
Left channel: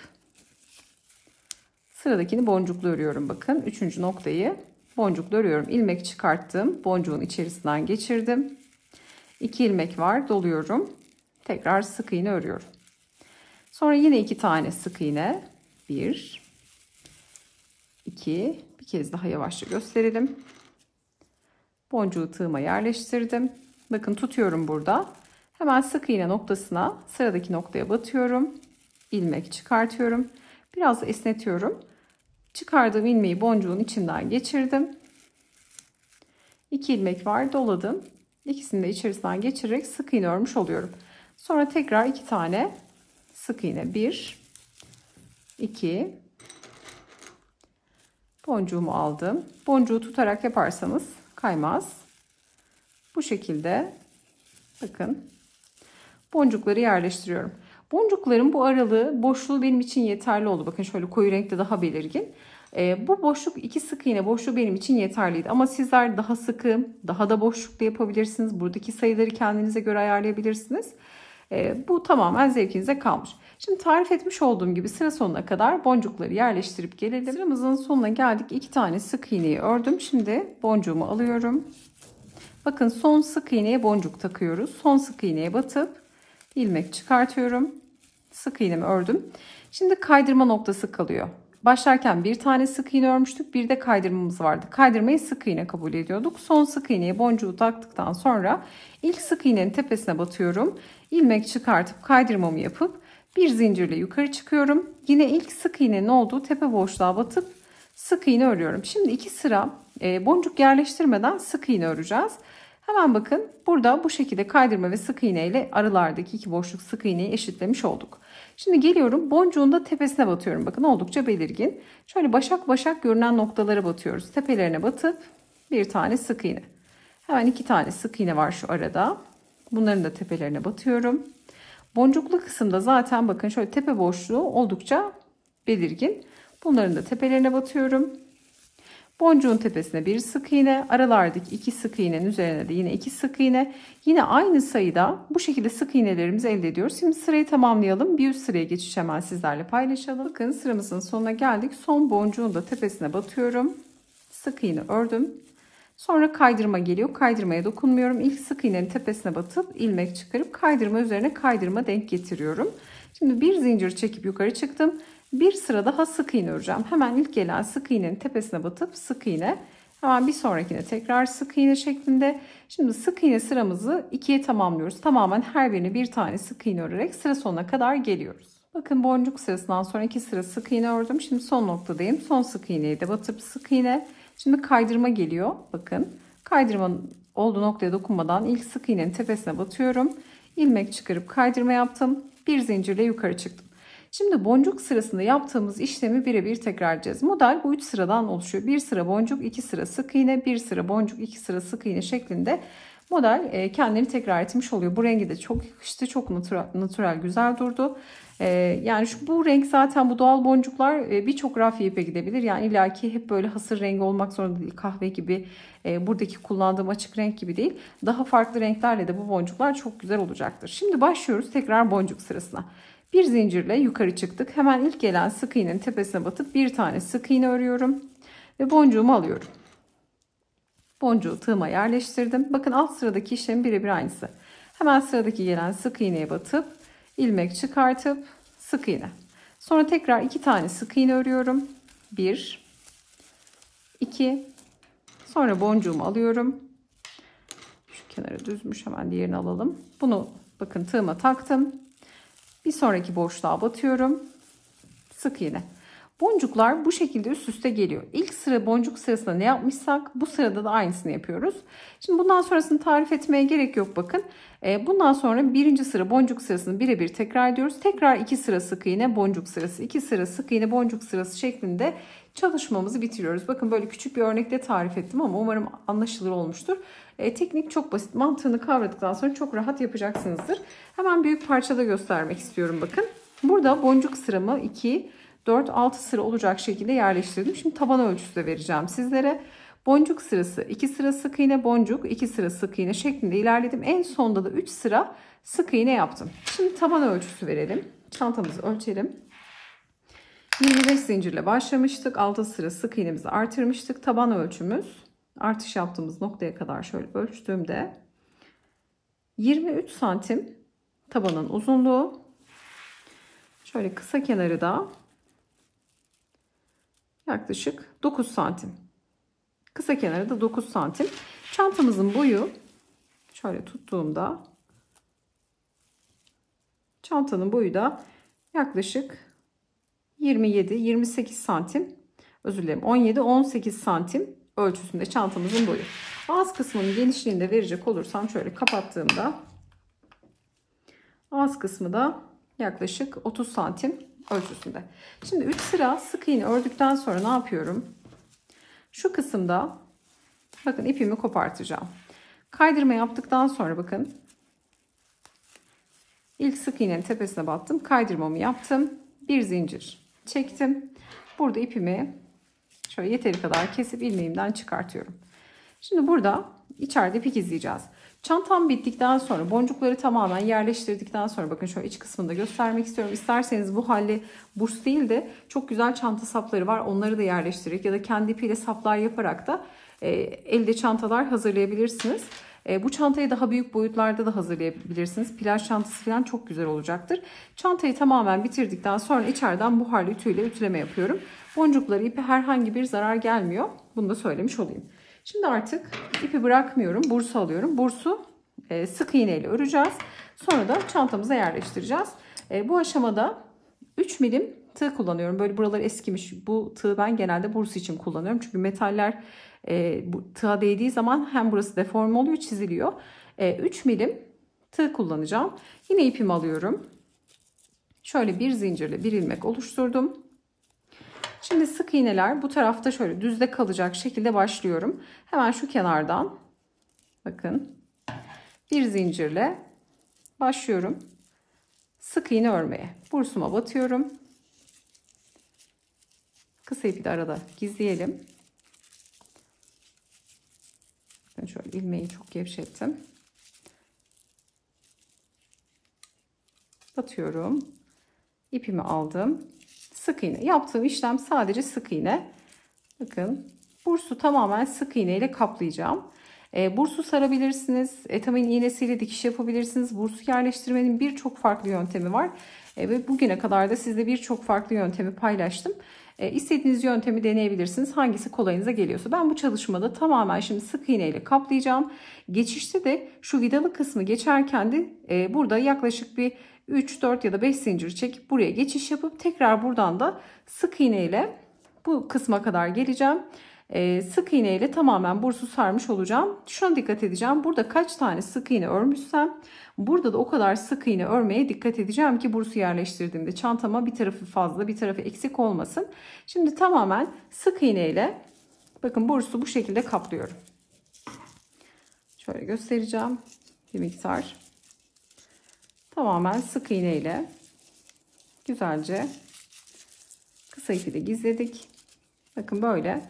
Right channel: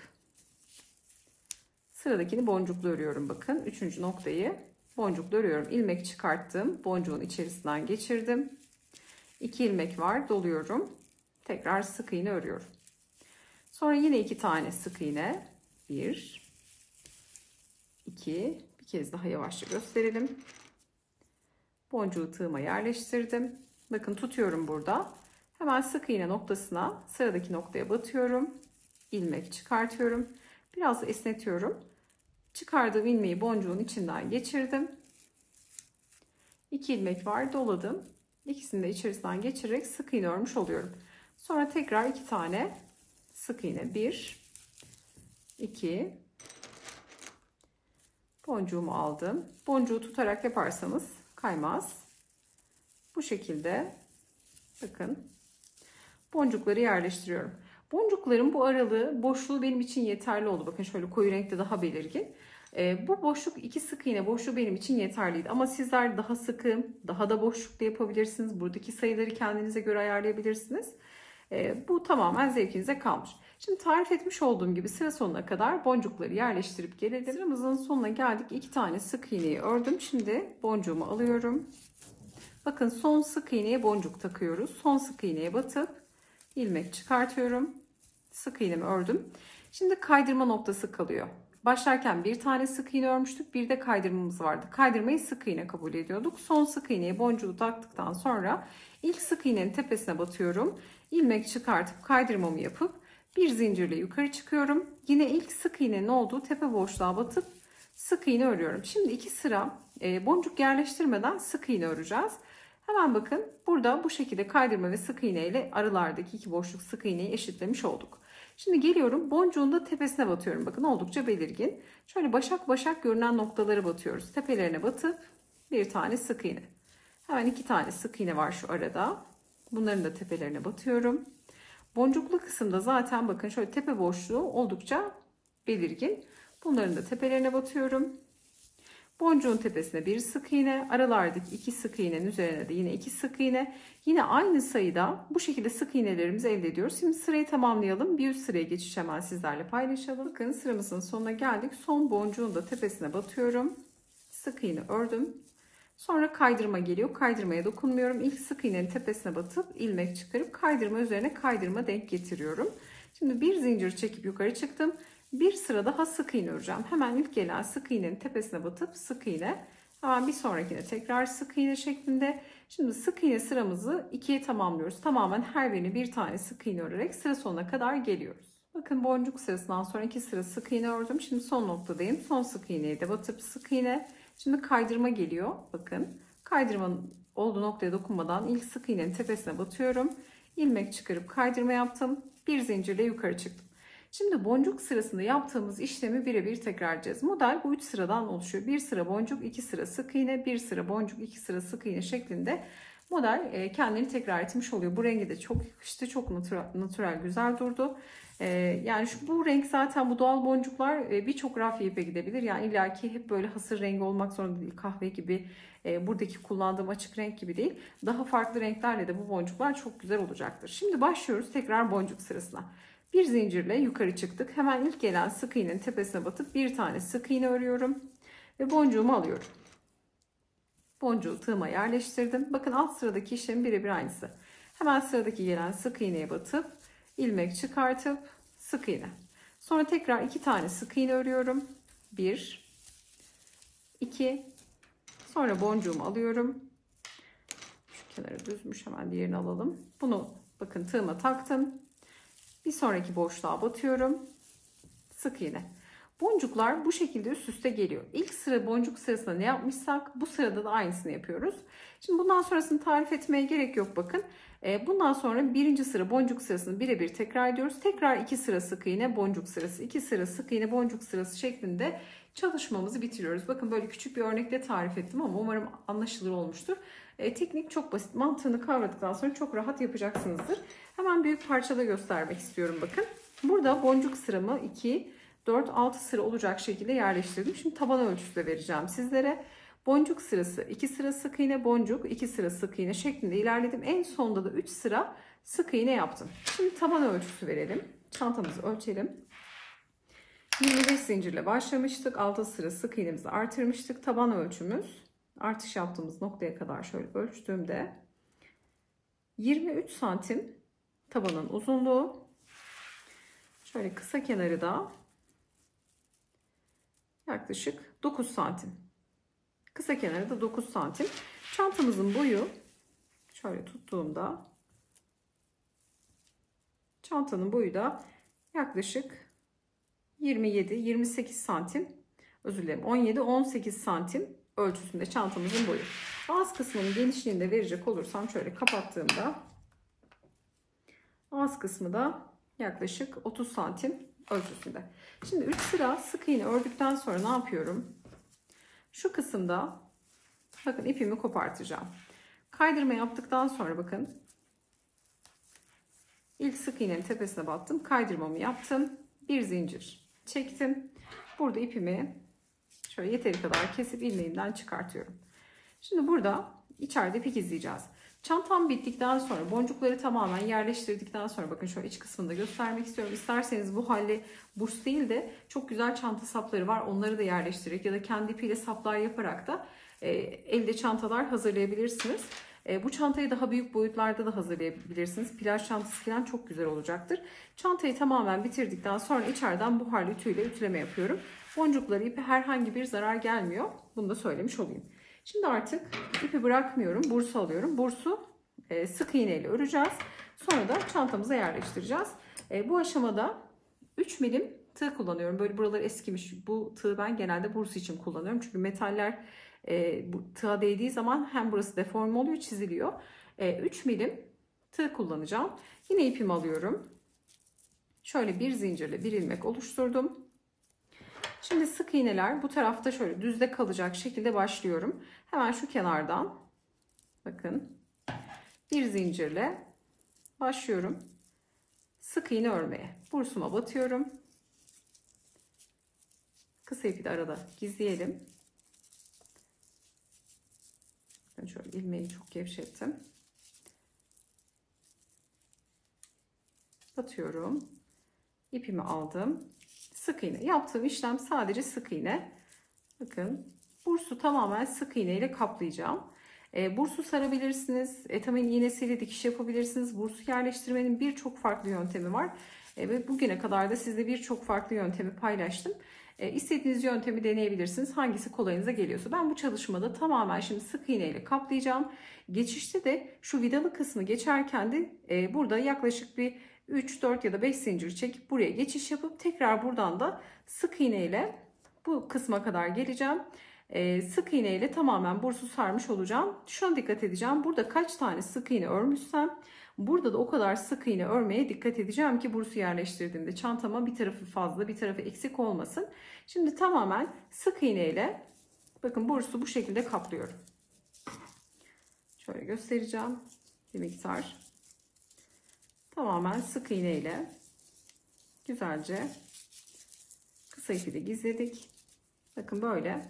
sıradakini boncuklu örüyorum. Bakın 3. noktayı boncuklu örüyorum. İlmek çıkarttım. Boncuğun içerisinden geçirdim. 2 ilmek var. Doluyorum. Tekrar sık iğne örüyorum. Sonra yine 2 tane sık iğne. 1, 2, bir kez daha yavaşça gösterelim. Boncuğu tığıma yerleştirdim. Bakın tutuyorum burada. Hemen sık iğne noktasına, sıradaki noktaya batıyorum. İlmek çıkartıyorum. Biraz da esnetiyorum. Çıkardığım ilmeği boncuğun içinden geçirdim. 2 ilmek var, doladım. İkisini de içerisinden geçirerek sık iğne örmüş oluyorum. Sonra tekrar 2 tane sık iğne. 1, 2, boncuğumu aldım. Boncuğu tutarak yaparsanız kaymaz. Bu şekilde bakın boncukları yerleştiriyorum. Boncukların bu aralığı, boşluğu benim için yeterli oldu. Bakın şöyle koyu renkte daha belirgin. Bu boşluk, 2 sık iğne boşluğu benim için yeterliydi. Ama sizler daha sıkı, daha da boşluklu yapabilirsiniz. Buradaki sayıları kendinize göre ayarlayabilirsiniz. Bu tamamen zevkinize kalmış. Şimdi tarif etmiş olduğum gibi sıra sonuna kadar boncukları yerleştirip gelelim. Sıramızın sonuna geldik. 2 tane sık iğneyi ördüm. Şimdi boncuğumu alıyorum. Bakın son sık iğneye boncuk takıyoruz. Son sık iğneye batıp ilmek çıkartıyorum. Sık iğnemi ördüm. Şimdi kaydırma noktası kalıyor. Başlarken bir tane sık iğne örmüştük. Bir de kaydırmamız vardı. Kaydırmayı sık iğne kabul ediyorduk. Son sık iğneye boncuğu taktıktan sonra ilk sık iğnenin tepesine batıyorum. İlmek çıkartıp kaydırmamı yapıp bir zincirle yukarı çıkıyorum. Yine ilk sık iğnenin olduğu tepe boşluğa batıp sık iğne örüyorum. Şimdi 2 sıra boncuk yerleştirmeden sık iğne öreceğiz. Hemen bakın burada bu şekilde kaydırma ve sık iğne ile aralardaki 2 boşluk sık iğneyi eşitlemiş olduk. Şimdi geliyorum, boncuğun da tepesine batıyorum. Bakın oldukça belirgin. Şöyle başak başak görünen noktalara batıyoruz. Tepelerine batıp bir tane sık iğne. Hemen 2 tane sık iğne var şu arada. Bunların da tepelerine batıyorum. Boncuklu kısımda zaten bakın şöyle tepe boşluğu oldukça belirgin. Bunların da tepelerine batıyorum. Boncuğun tepesine bir sık iğne, aralardaki 2 sık iğnenin üzerine de yine 2 sık iğne. Yine aynı sayıda bu şekilde sık iğnelerimizi elde ediyoruz. Şimdi sırayı tamamlayalım. Bir üst sıraya geçiş hemen sizlerle paylaşalım. Bakın sıramızın sonuna geldik. Son boncuğun da tepesine batıyorum. Sık iğne ördüm. Sonra kaydırma geliyor. Kaydırmaya dokunmuyorum. İlk sık iğnenin tepesine batıp ilmek çıkarıp kaydırma üzerine kaydırma denk getiriyorum. Şimdi bir zincir çekip yukarı çıktım. Bir sıra daha sık iğne öreceğim. Hemen ilk gelen sık iğnenin tepesine batıp sık iğne. Hemen bir sonrakine tekrar sık iğne şeklinde. Şimdi sık iğne sıramızı 2'ye tamamlıyoruz. Tamamen her birine bir tane sık iğne örerek sıra sonuna kadar geliyoruz. Bakın boncuk sırasından sonra 2 sıra sık iğne ördüm. Şimdi son noktadayım. Son sık iğneyi de batıp sık iğne. Şimdi kaydırma geliyor. Bakın kaydırmanın olduğu noktaya dokunmadan ilk sık iğnenin tepesine batıyorum. İlmek çıkarıp kaydırma yaptım. Bir zincirle yukarı çıktım. Şimdi boncuk sırasında yaptığımız işlemi birebir tekrar edeceğiz. Model bu 3 sıradan oluşuyor. 1 sıra boncuk, 2 sıra sık iğne, 1 sıra boncuk, 2 sıra sık iğne şeklinde model kendini tekrar etmiş oluyor. Bu rengi de çok yakıştı. Çok natürel, güzel durdu. Yani bu renk zaten, bu doğal boncuklar birçok rafya ipe gidebilir. Yani illaki hep böyle hasır rengi olmak zorunda değil. Kahve gibi, buradaki kullandığım açık renk gibi değil. Daha farklı renklerle de bu boncuklar çok güzel olacaktır. Şimdi başlıyoruz tekrar boncuk sırasına. Bir zincirle yukarı çıktık. Hemen ilk gelen sık iğnenin tepesine batıp bir tane sık iğne örüyorum. Ve boncuğumu alıyorum. Boncuğu tığıma yerleştirdim. Bakın alt sıradaki işlem birebir aynısı. Hemen sıradaki gelen sık iğneye batıp ilmek çıkartıp sık iğne. Sonra tekrar 2 tane sık iğne örüyorum. 1 2. Sonra boncuğumu alıyorum. Şu kenarı düzmüş, hemen diğerini alalım. Bunu bakın tığıma taktım. Bir sonraki boşluğa batıyorum. Sık iğne. Boncuklar bu şekilde üst üste geliyor. İlk sıra boncuk sırasında ne yapmışsak bu sırada da aynısını yapıyoruz. Şimdi bundan sonrasını tarif etmeye gerek yok bakın. Bundan sonra birinci sıra boncuk sırasını birebir tekrar ediyoruz. Tekrar 2 sıra sık iğne boncuk sırası, 2 sıra sık iğne boncuk sırası şeklinde çalışmamızı bitiriyoruz. Bakın böyle küçük bir örnekle tarif ettim ama umarım anlaşılır olmuştur. Teknik çok basit. Mantığını kavradıktan sonra çok rahat yapacaksınızdır. Hemen büyük parçada göstermek istiyorum bakın. Burada boncuk sıramı 2, 4, 6 sıra olacak şekilde yerleştirdim. Şimdi taban ölçüsü de vereceğim sizlere. Boncuk sırası 2 sıra sık iğne, boncuk 2 sıra sık iğne şeklinde ilerledim. En sonda da 3 sıra sık iğne yaptım. Şimdi taban ölçüsü verelim. Çantamızı ölçelim. 25 zincirle başlamıştık. 6 sıra sık iğnemizi artırmıştık. Taban ölçümüz artış yaptığımız noktaya kadar şöyle ölçtüğümde 23 santim tabanın uzunluğu. Şöyle kısa kenarı da yaklaşık 9 santim. Kısa kenarı da 9 santim. Çantamızın boyu şöyle tuttuğumda çantanın boyu da yaklaşık 27-28 santim, özür dilerim, 17-18 santim ölçüsünde çantamızın boyu. Ağız kısmının genişliğini de verecek olursam şöyle kapattığımda ağız kısmı da yaklaşık 30 santim ölçüsünde. Şimdi 3 sıra sık iğne ördükten sonra ne yapıyorum? Şu kısımda bakın ipimi kopartacağım. Kaydırma yaptıktan sonra bakın ilk sık iğnenin tepesine battım. Kaydırmamı yaptım. Bir zincir çektim. Burada ipimi şöyle yeteri kadar kesip ilmeğimden çıkartıyorum. Şimdi burada içeride ipik izleyeceğiz. Çantam bittikten sonra boncukları tamamen yerleştirdikten sonra bakın şöyle iç kısmında göstermek istiyorum. İsterseniz bu halde burs değil de çok güzel çanta sapları var. Onları da yerleştirerek ya da kendi ipiyle saplar yaparak da elde çantalar hazırlayabilirsiniz. Bu çantayı daha büyük boyutlarda da hazırlayabilirsiniz. Plaj çantası falan çok güzel olacaktır. Çantayı tamamen bitirdikten sonra içeriden buharlı ütüyle ütüleme yapıyorum. Boncukları ipi herhangi bir zarar gelmiyor. Bunu da söylemiş olayım. Şimdi artık ipi bırakmıyorum. Bursu alıyorum. Bursu sık iğne ile öreceğiz. Sonra da çantamıza yerleştireceğiz. Bu aşamada 3 milim tığ kullanıyorum. Böyle buralar eskimiş. Bu tığı ben genelde bursu için kullanıyorum. Çünkü metaller bu tığa değdiği zaman hem burası deforme oluyor, çiziliyor. 3 milim tığ kullanacağım. Yine ipimi alıyorum. Şöyle bir zincirle bir ilmek oluşturdum. Şimdi sık iğneler bu tarafta şöyle düzde kalacak şekilde başlıyorum. Hemen şu kenardan bakın bir zincirle başlıyorum. Sık iğne örmeye. Bursuma batıyorum. Kısa ipi de arada gizleyelim. Ben şöyle ilmeği çok gevşettim. Batıyorum. İpimi aldım. Sık iğne. Yaptığım işlem sadece sık iğne. Bakın bursu tamamen sık iğne ile kaplayacağım. Bursu sarabilirsiniz. Etamin iğnesiyle dikiş yapabilirsiniz. Bursu yerleştirmenin birçok farklı yöntemi var. Ve bugüne kadar da sizle birçok farklı yöntemi paylaştım. İstediğiniz yöntemi deneyebilirsiniz. Hangisi kolayınıza geliyorsa. Ben bu çalışmada tamamen şimdi sık iğne ile kaplayacağım. Geçişte de şu vidalı kısmı geçerken de burada yaklaşık bir 3, 4 ya da 5 zincir çekip buraya geçiş yapıp tekrar buradan da sık iğne ile bu kısma kadar geleceğim. Sık iğne ile tamamen bursu sarmış olacağım. Şuna dikkat edeceğim. Burada kaç tane sık iğne örmüşsem burada da o kadar sık iğne örmeye dikkat edeceğim ki bursu yerleştirdiğimde çantama bir tarafı fazla bir tarafı eksik olmasın. Şimdi tamamen sık iğne ile bakın bursu bu şekilde kaplıyorum. Şöyle göstereceğim bir miktar. Tamamen sık iğne ile güzelce kısa ipi de gizledik. Bakın böyle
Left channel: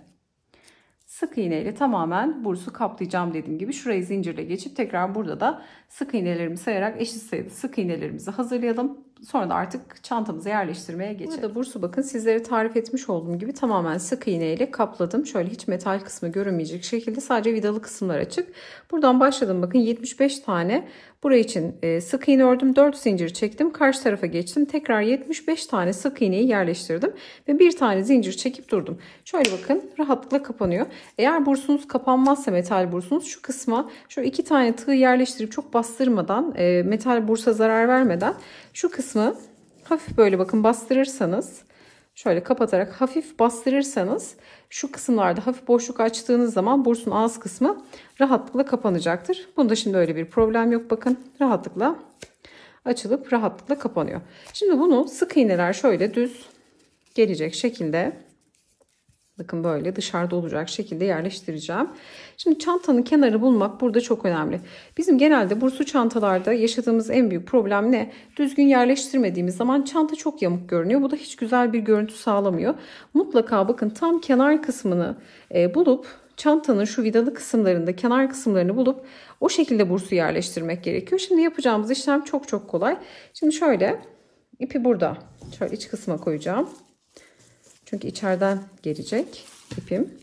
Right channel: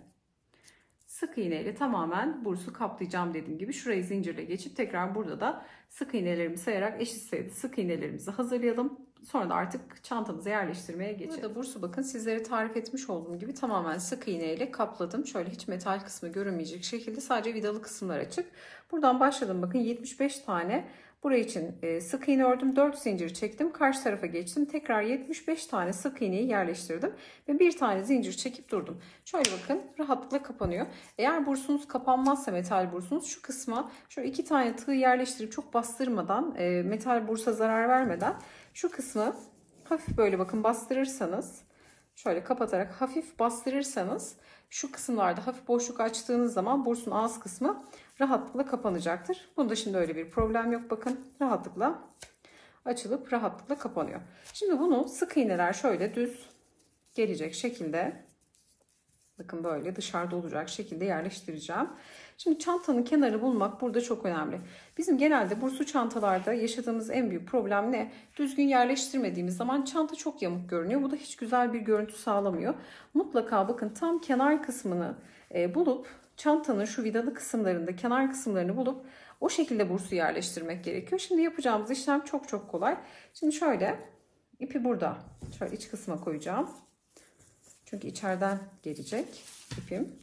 sık iğne ile tamamen bursu kaplayacağım dediğim gibi. Şurayı zincirle geçip tekrar burada da sık iğnelerimi sayarak eşit sayıda sık iğnelerimizi hazırlayalım. Sonra da artık çantamızı yerleştirmeye geçelim. Burada bursu bakın sizlere tarif etmiş olduğum gibi tamamen sık iğne ile kapladım. Şöyle hiç metal kısmı görünmeyecek şekilde sadece vidalı kısımlar açık. Buradan başladım bakın 75 tane Buraya için sık iğne ördüm. 4 zincir çektim. Karşı tarafa geçtim. Tekrar 75 tane sık iğneyi yerleştirdim. Ve bir tane zincir çekip durdum. Şöyle bakın, rahatlıkla kapanıyor. Eğer bursunuz kapanmazsa, metal bursunuz, şu kısma şöyle 2 tane tığ yerleştirip çok bastırmadan, metal bursa zarar vermeden şu kısmı hafif böyle bakın bastırırsanız, şöyle kapatarak hafif bastırırsanız şu kısımlarda hafif boşluk açtığınız zaman bursun ağız kısmı rahatlıkla kapanacaktır. Bunda şimdi öyle bir problem yok. Bakın rahatlıkla açılıp rahatlıkla kapanıyor. Şimdi bunu sık iğneler şöyle düz gelecek şekilde, bakın böyle dışarıda olacak şekilde yerleştireceğim. Şimdi çantanın kenarı bulmak burada çok önemli. Bizim genelde burslu çantalarda yaşadığımız en büyük problem ne? Düzgün yerleştirmediğimiz zaman çanta çok yamuk görünüyor. Bu da hiç güzel bir görüntü sağlamıyor. Mutlaka bakın tam kenar kısmını bulup, çantanın şu vidalı kısımlarında kenar kısımlarını bulup o şekilde bursu yerleştirmek gerekiyor. Şimdi yapacağımız işlem çok çok kolay. Şimdi şöyle ipi burada şöyle iç kısma koyacağım. Çünkü içeriden gelecek ipim.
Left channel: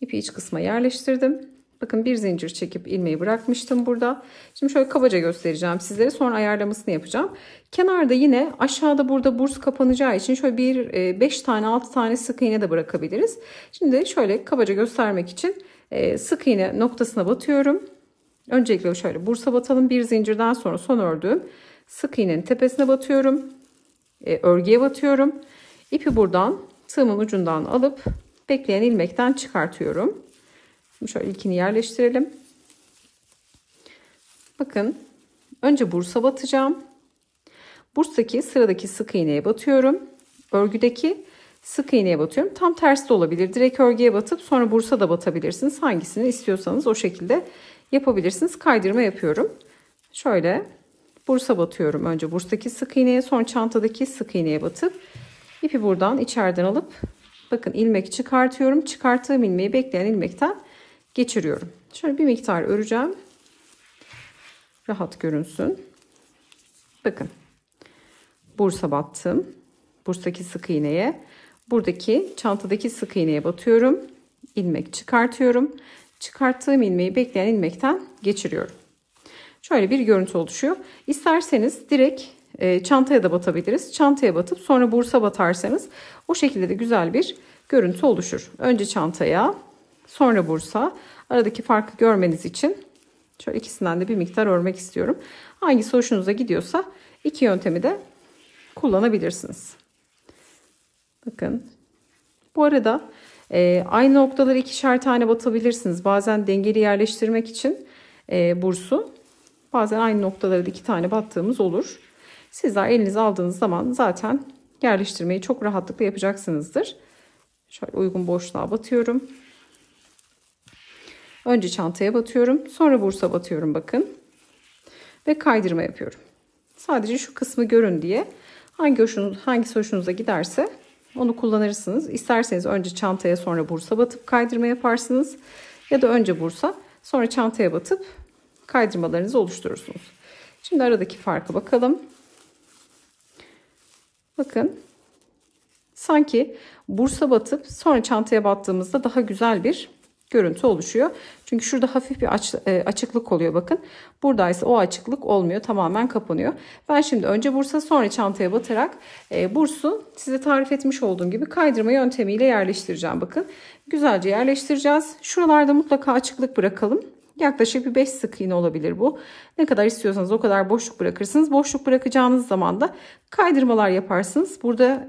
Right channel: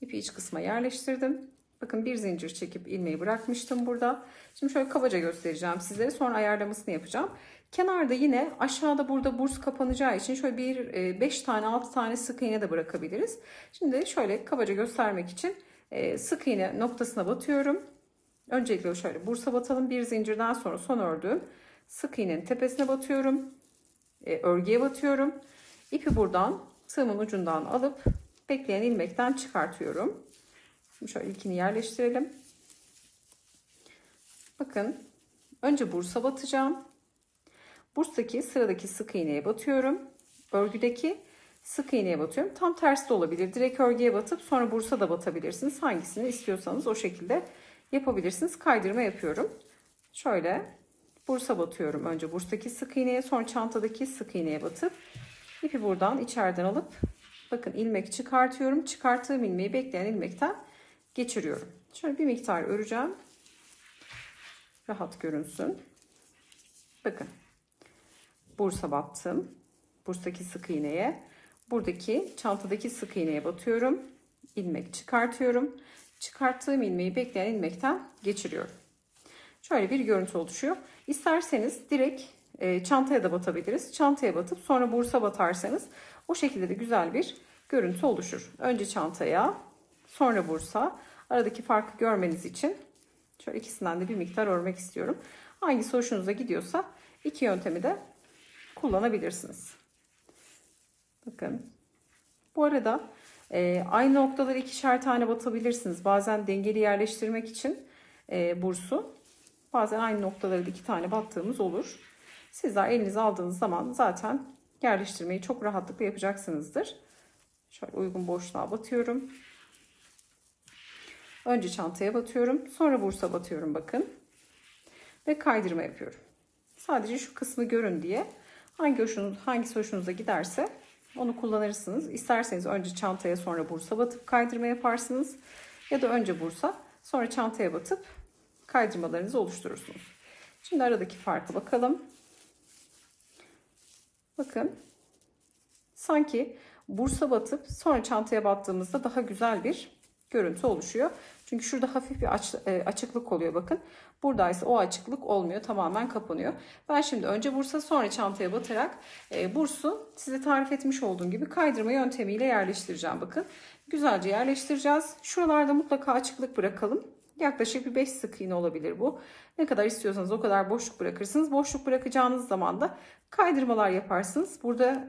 İpi iç kısma yerleştirdim. Bakın bir zincir çekip ilmeği bırakmıştım burada. Şimdi şöyle kabaca göstereceğim sizlere. Sonra ayarlamasını yapacağım. Kenarda yine aşağıda burada burs kapanacağı için şöyle 5 tane 6 tane sık iğne de bırakabiliriz. Şimdi şöyle kabaca göstermek için sık iğne noktasına batıyorum. Öncelikle şöyle bursa batalım. Bir zincirden sonra son ördüğüm sık iğnenin tepesine batıyorum. Örgüye batıyorum. İpi buradan tığımın ucundan alıp bekleyen ilmekten çıkartıyorum. Şimdi şöyle ilkini yerleştirelim. Bakın önce bursa batacağım. Burstaki sıradaki sık iğneye batıyorum. Örgüdeki sık iğneye batıyorum. Tam tersi de olabilir. Direkt örgüye batıp sonra bursa da batabilirsiniz. Hangisini istiyorsanız o şekilde yapabilirsiniz. Kaydırma yapıyorum. Şöyle bursa batıyorum. Önce burstaki sık iğneye, sonra çantadaki sık iğneye batıp İpi buradan içeriden alıp bakın ilmek çıkartıyorum. Çıkarttığım ilmeği bekleyen ilmekten geçiriyorum. Şöyle bir miktar öreceğim. Rahat görünsün. Bakın. Bursa battım. Burstaki sık iğneye. Buradaki çantadaki sık iğneye batıyorum. İlmek çıkartıyorum. Çıkarttığım ilmeği bekleyen ilmekten geçiriyorum. Şöyle bir görüntü oluşuyor. İsterseniz direkt çantaya da batabiliriz. Çantaya batıp sonra bursa batarsanız o şekilde de güzel bir görüntü oluşur. Önce çantaya, sonra bursa. Aradaki farkı görmeniz için şöyle ikisinden de bir miktar örmek istiyorum. Hangisi hoşunuza gidiyorsa iki yöntemi de kullanabilirsiniz. Bakın. Bu arada aynı noktaları ikişer tane batabilirsiniz. Bazen dengeli yerleştirmek için bursu. Bazen aynı noktaları da 2 tane battığımız olur. Sizler elinize aldığınız zaman zaten yerleştirmeyi çok rahatlıkla yapacaksınızdır. Şöyle uygun boşluğa batıyorum. Önce çantaya batıyorum. Sonra bursa batıyorum bakın. Ve kaydırma yapıyorum. Sadece şu kısmı görün diye hangisi hoşunuza giderse onu kullanırsınız. İsterseniz önce çantaya sonra bursa batıp kaydırma yaparsınız. Ya da önce bursa sonra çantaya batıp kaydırmalarınızı oluşturursunuz. Şimdi aradaki farkı bakalım. Bakın. Sanki bursa batıp sonra çantaya battığımızda daha güzel bir görüntü oluşuyor. Çünkü şurada hafif bir açıklık oluyor bakın. Buradaysa o açıklık olmuyor. Tamamen kapanıyor. Ben şimdi önce bursa sonra çantaya batarak bursu size tarif etmiş olduğum gibi kaydırma yöntemiyle yerleştireceğim. Bakın. Güzelce yerleştireceğiz. Şuralarda mutlaka açıklık bırakalım. Yaklaşık bir 5 sık iğne olabilir bu. Ne kadar istiyorsanız o kadar boşluk bırakırsınız. Boşluk bırakacağınız zaman da kaydırmalar yaparsınız. Burada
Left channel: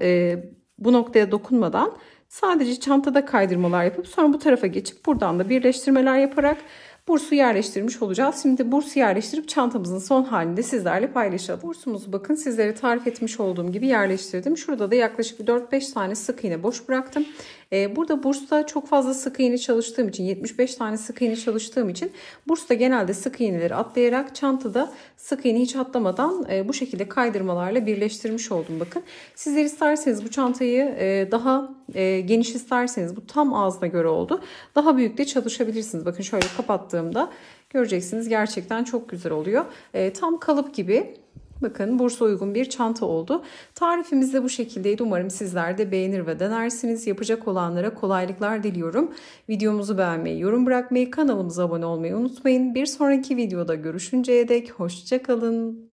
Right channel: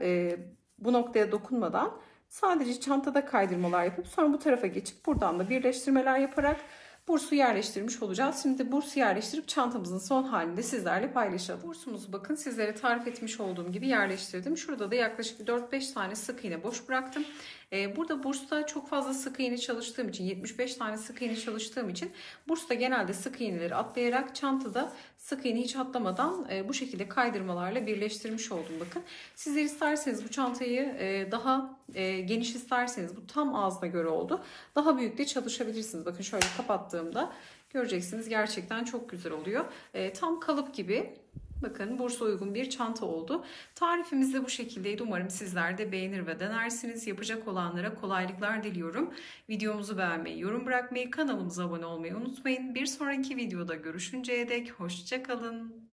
bu noktaya dokunmadan sadece çantada kaydırmalar yapıp sonra bu tarafa geçip buradan da birleştirmeler yaparak bursu yerleştirmiş olacağız. Şimdi bursu yerleştirip çantamızın son halini de sizlerle paylaşalım. Bursumuzu bakın sizlere tarif etmiş olduğum gibi yerleştirdim. Şurada da yaklaşık 4-5 tane sık iğne boş bıraktım. Burada bursta çok fazla sık iğne çalıştığım için 75 tane sık iğne çalıştığım için bursta genelde sık iğneleri atlayarak çantada sık iğne hiç atlamadan bu şekilde kaydırmalarla birleştirmiş oldum bakın. Sizler isterseniz bu çantayı daha geniş isterseniz bu tam ağzına göre oldu. Daha büyük de çalışabilirsiniz. Bakın şöyle kapattığımda göreceksiniz gerçekten çok güzel oluyor. Tam kalıp gibi Bakın bursa uygun bir çanta oldu. Tarifimiz de bu şekildeydi. Umarım sizler de beğenir ve denersiniz. Yapacak olanlara kolaylıklar diliyorum. Videomuzu beğenmeyi, yorum bırakmayı, kanalımıza abone olmayı unutmayın. Bir sonraki videoda görüşünceye dek hoşça kalın.